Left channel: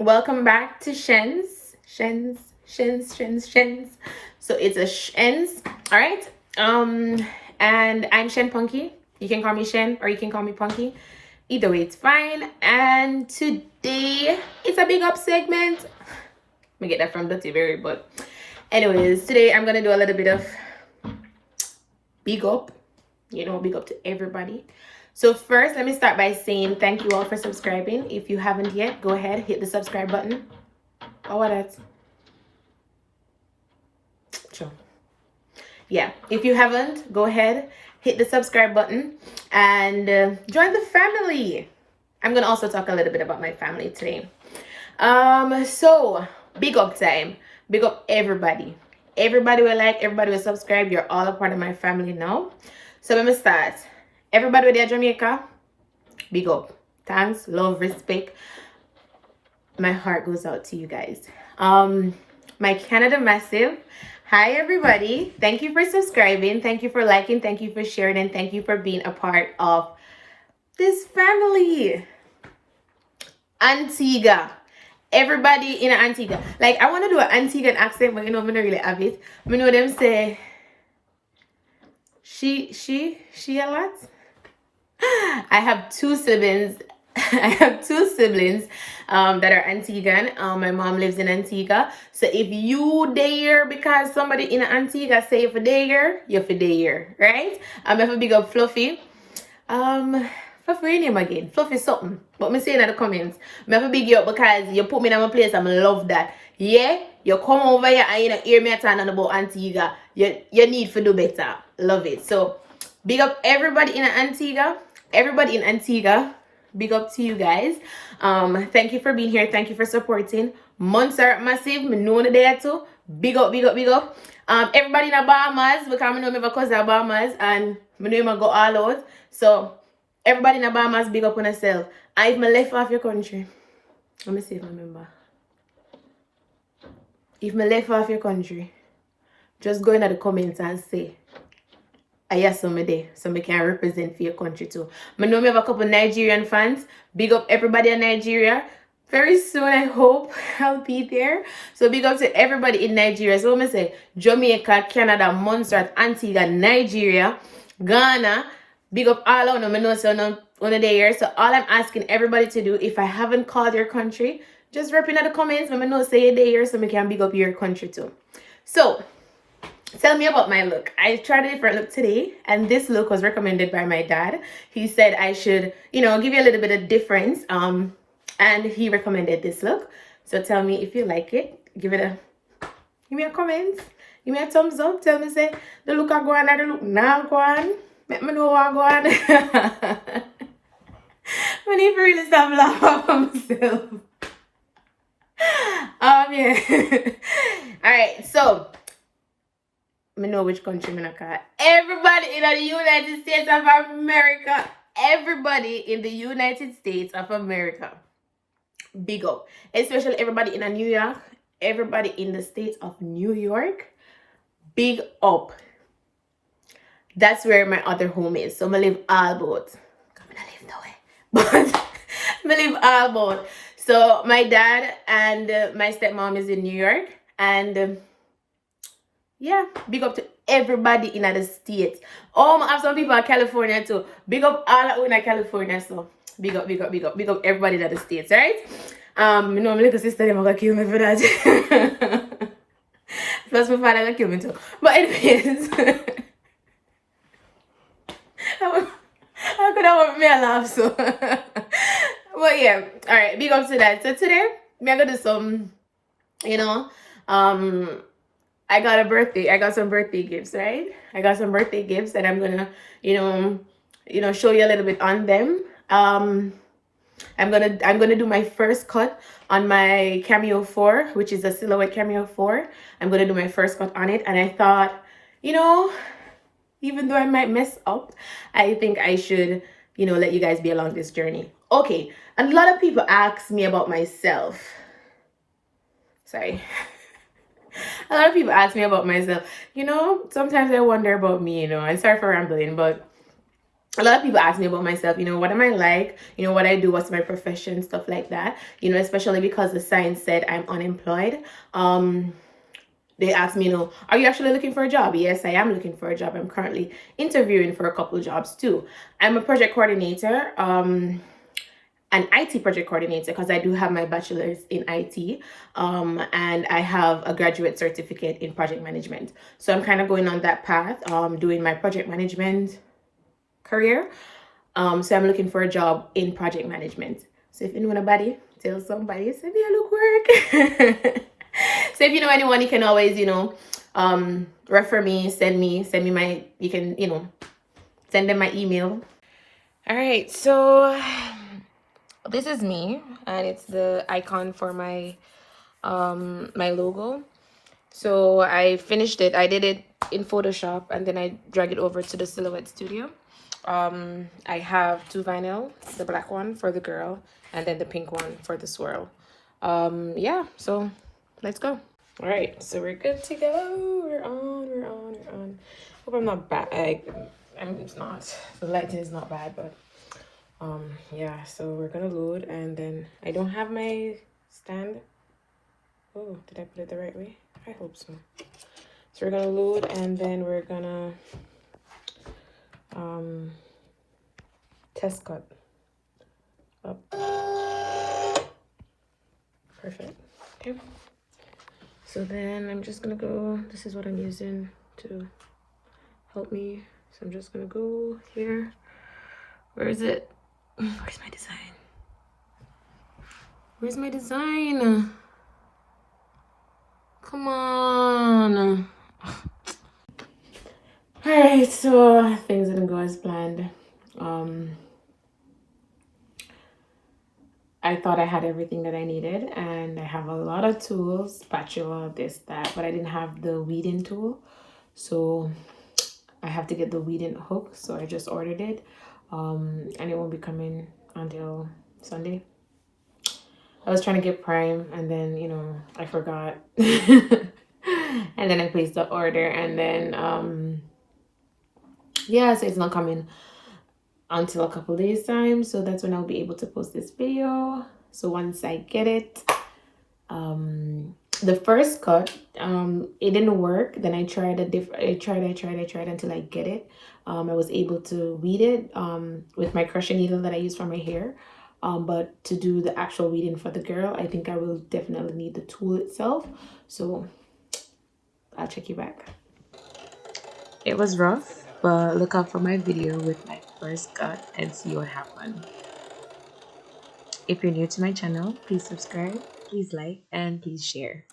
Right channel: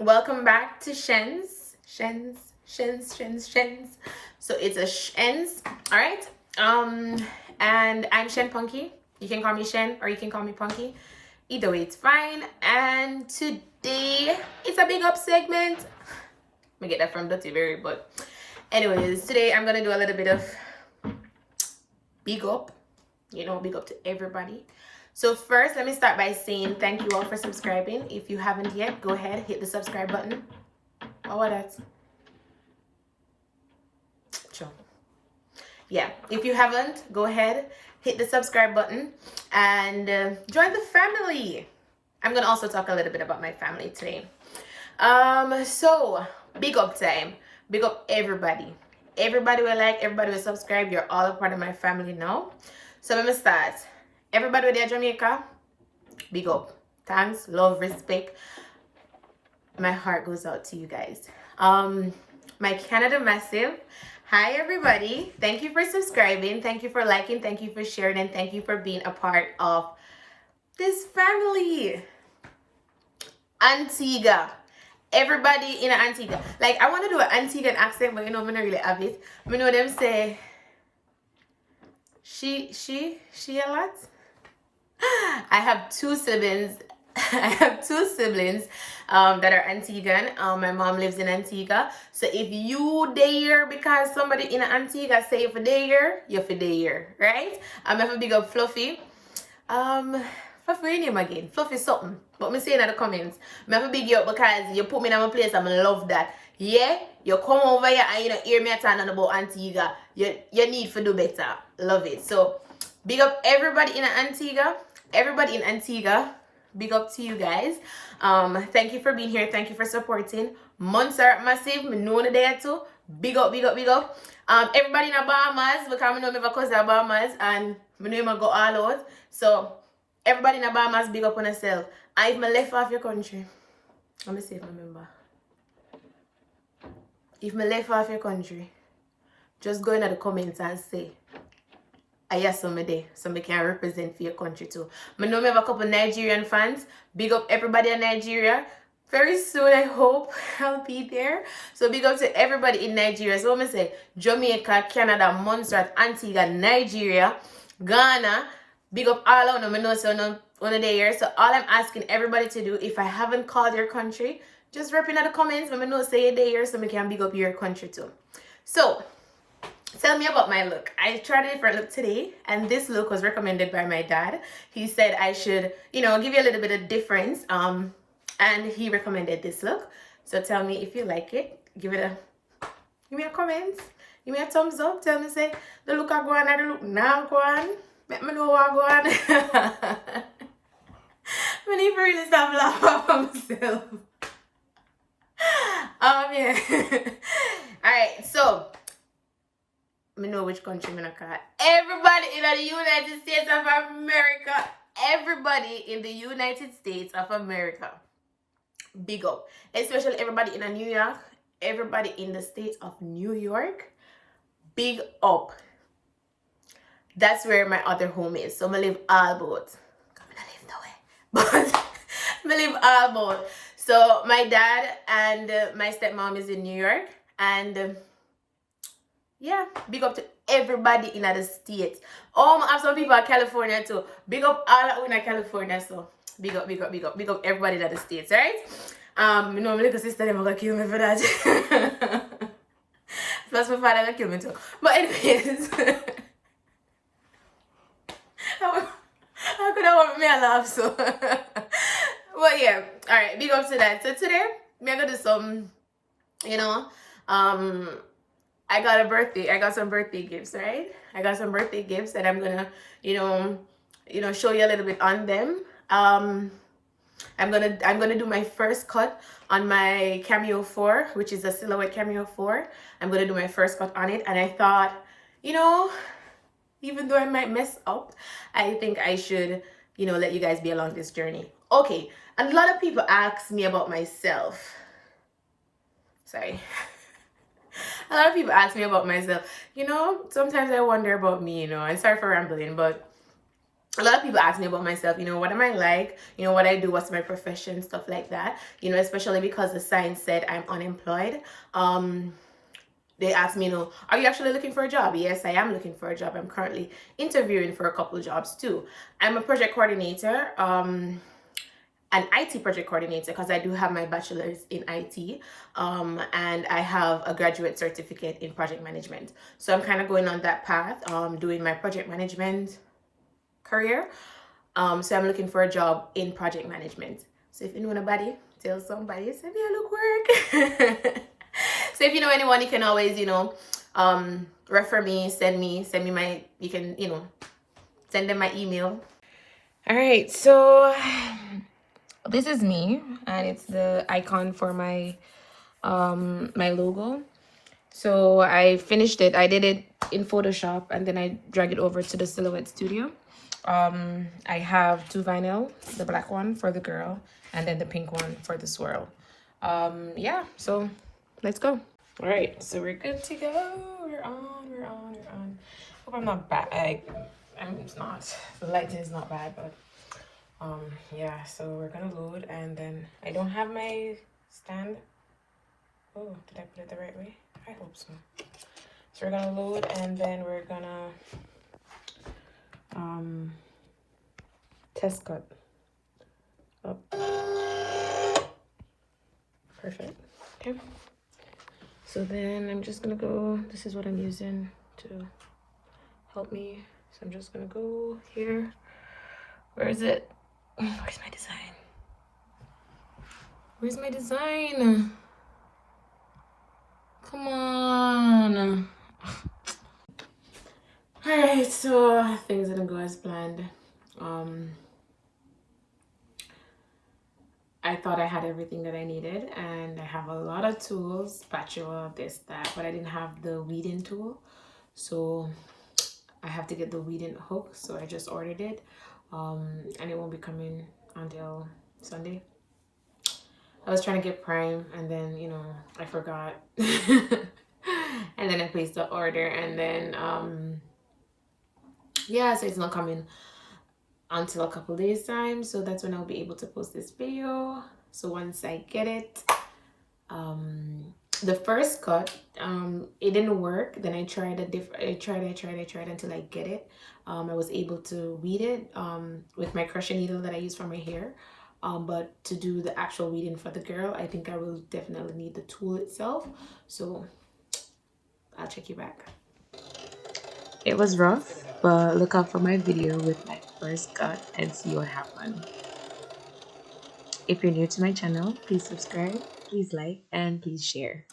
Welcome back to Shens. So it's a Shens, all right? And I'm Shen Punky. You can call me Shen or you can call me Punky. Either way, it's fine. And today it's a big up segment. Let me get that from Dirty Berry, but anyways, today I'm gonna do a little bit of big up. Big up to everybody. So first, let me start by saying thank you all for subscribing. If you haven't yet, go ahead, hit the subscribe button. Oh, what that? Sure. Yeah, if you haven't, go ahead, hit the subscribe button and join the family. I'm gonna also talk a little bit about my family today. So big up time. Big up everybody. Everybody will subscribe. You're all a part of my family now. So let me start. Everybody with their Jamaica, big up. Thanks, love, respect. My heart goes out to you guys. My Canada Massive. Hi everybody. Thank you for subscribing. Thank you for liking. Thank you for sharing. And thank you for being a part of this family. Antigua. Everybody in Antigua. Like, I want to do an Antiguan accent, but I'm not really have it. I know them say she a lot. I have two siblings. that are Antiguan. My mom lives in Antigua. So if you there because somebody in Antigua say for there, you're for there, right? I'm have a big up Fluffy. Fluffy name again. Fluffy something. But me saying in the comments. Me have a big you up because you put me in my place and I love that. Yeah, you come over here and you know hear me talking about Antigua. You need to do better. Love it. So big up everybody in Antigua. Everybody in Antigua. Big up to you guys. Thank you for being here. Thank you for supporting. Monster Massive. Me know the day too. Big up. Everybody in the Bahamas, because I know my cousin in Bahamas and I know I go all out. So everybody in the Bahamas, big up on yourself. And if I left off your country, let me see if I remember. If I left off your country, just go into the comments and say, I hear somebody so I can represent for your country too. I know we have a couple Nigerian fans. Big up everybody in Nigeria. Very soon, I hope I'll be there. So big up to everybody in Nigeria. So let me say Jamaica, Canada, Montserrat, Antigua, Nigeria, Ghana. Big up all of them. I know so one of the years. So all I'm asking everybody to do, if I haven't called your country, just rep in the comments. Let me know say a day here so I can big up your country too. So tell me about my look. I tried a different look today, and this look was recommended by my dad. He said I should, give you a little bit of difference. And he recommended this look. So tell me if you like it. Give me a comment. Give me a thumbs up. Tell me say the look I go on and the look now go on. Let me know what I go on. I need to really stop laughing at myself. Yeah. Alright, so I know which country I'm gonna call. Everybody in the United States of America. Everybody in the United States of America. Big up. Especially everybody in New York. Everybody in the state of New York. Big up. That's where my other home is. So I live all both. I live nowhere. But I live all both. So my dad and my stepmom is in New York. And yeah, big up to everybody in the States. Oh, I have some people in California too. Big up all in California. So big up everybody in the States, right? My little sister them gonna kill me for that. Plus my father gonna kill me too. But anyways, how could I want me to laugh so? But yeah, all right, big up to that. So today I'm gonna do some, I got some birthday gifts, right? I got some birthday gifts and I'm gonna, show you a little bit on them. I'm gonna do my first cut on my Cameo 4, which is a silhouette Cameo 4. I'm gonna do my first cut on it, and I thought, even though I might mess up, I think I should, let you guys be along this journey. Okay, and a lot of people ask me about myself. Sorry. A lot of people ask me about myself. Sometimes I wonder about me, and sorry for rambling, but a lot of people ask me about myself, you know, what am I like, you know, what I do, what's my profession, stuff like that, you know, especially because the sign said I'm unemployed. They asked me, you know, are you actually looking for a job? Yes, I am looking for a job. I'm currently interviewing for a couple of jobs too. I'm a project coordinator, an IT project coordinator, because I do have my bachelor's in IT, and I have a graduate certificate in project management. So I'm kind of going on that path, doing my project management career. So I'm looking for a job in project management. So if you know anybody, tell somebody, say, yeah, look work. So if you know anyone, you can always, you know, refer me, send me my, you can, you know, send them my email. All right, so this is me, and it's the icon for my my logo. So I finished it. I did it in Photoshop, and then I drag it over to the Silhouette Studio. I have two vinyl, the black one for the girl, and then the pink one for the swirl. Yeah, so let's go. All right, so we're good to go. We're on. Hope I'm not bad. I mean, it's not. The lighting is not bad, but yeah. So we're gonna load, and then I don't have my stand. Oh, did I put it the right way? I hope so. So we're gonna load, and then we're gonna test cut up. Perfect. Okay. So then I'm just gonna go, this is what I'm using to help me. So I'm just gonna go here. Where is it? Where's my design? Where's my design? Come on. All right, so things didn't go as planned. I thought I had everything that I needed, and I have a lot of tools, spatula, this, that, but I didn't have the weeding tool. So I have to get the weeding hook. So I just ordered it, and it won't be coming until Sunday. I was trying to get Prime, and then, you know, I forgot. And then I placed the order, and then, yeah, so it's not coming until a couple days time. So that's when I'll be able to post this video. So once I get it, the first cut, it didn't work. Then I tried I tried until I get it. I was able to weed it with my crochet needle that I use for my hair. But to do the actual weeding for the girl, I think I will definitely need the tool itself. So I'll check you back. It was rough, but look out for my video with my first cut and see what happened. If you're new to my channel, please subscribe, please like, and please share.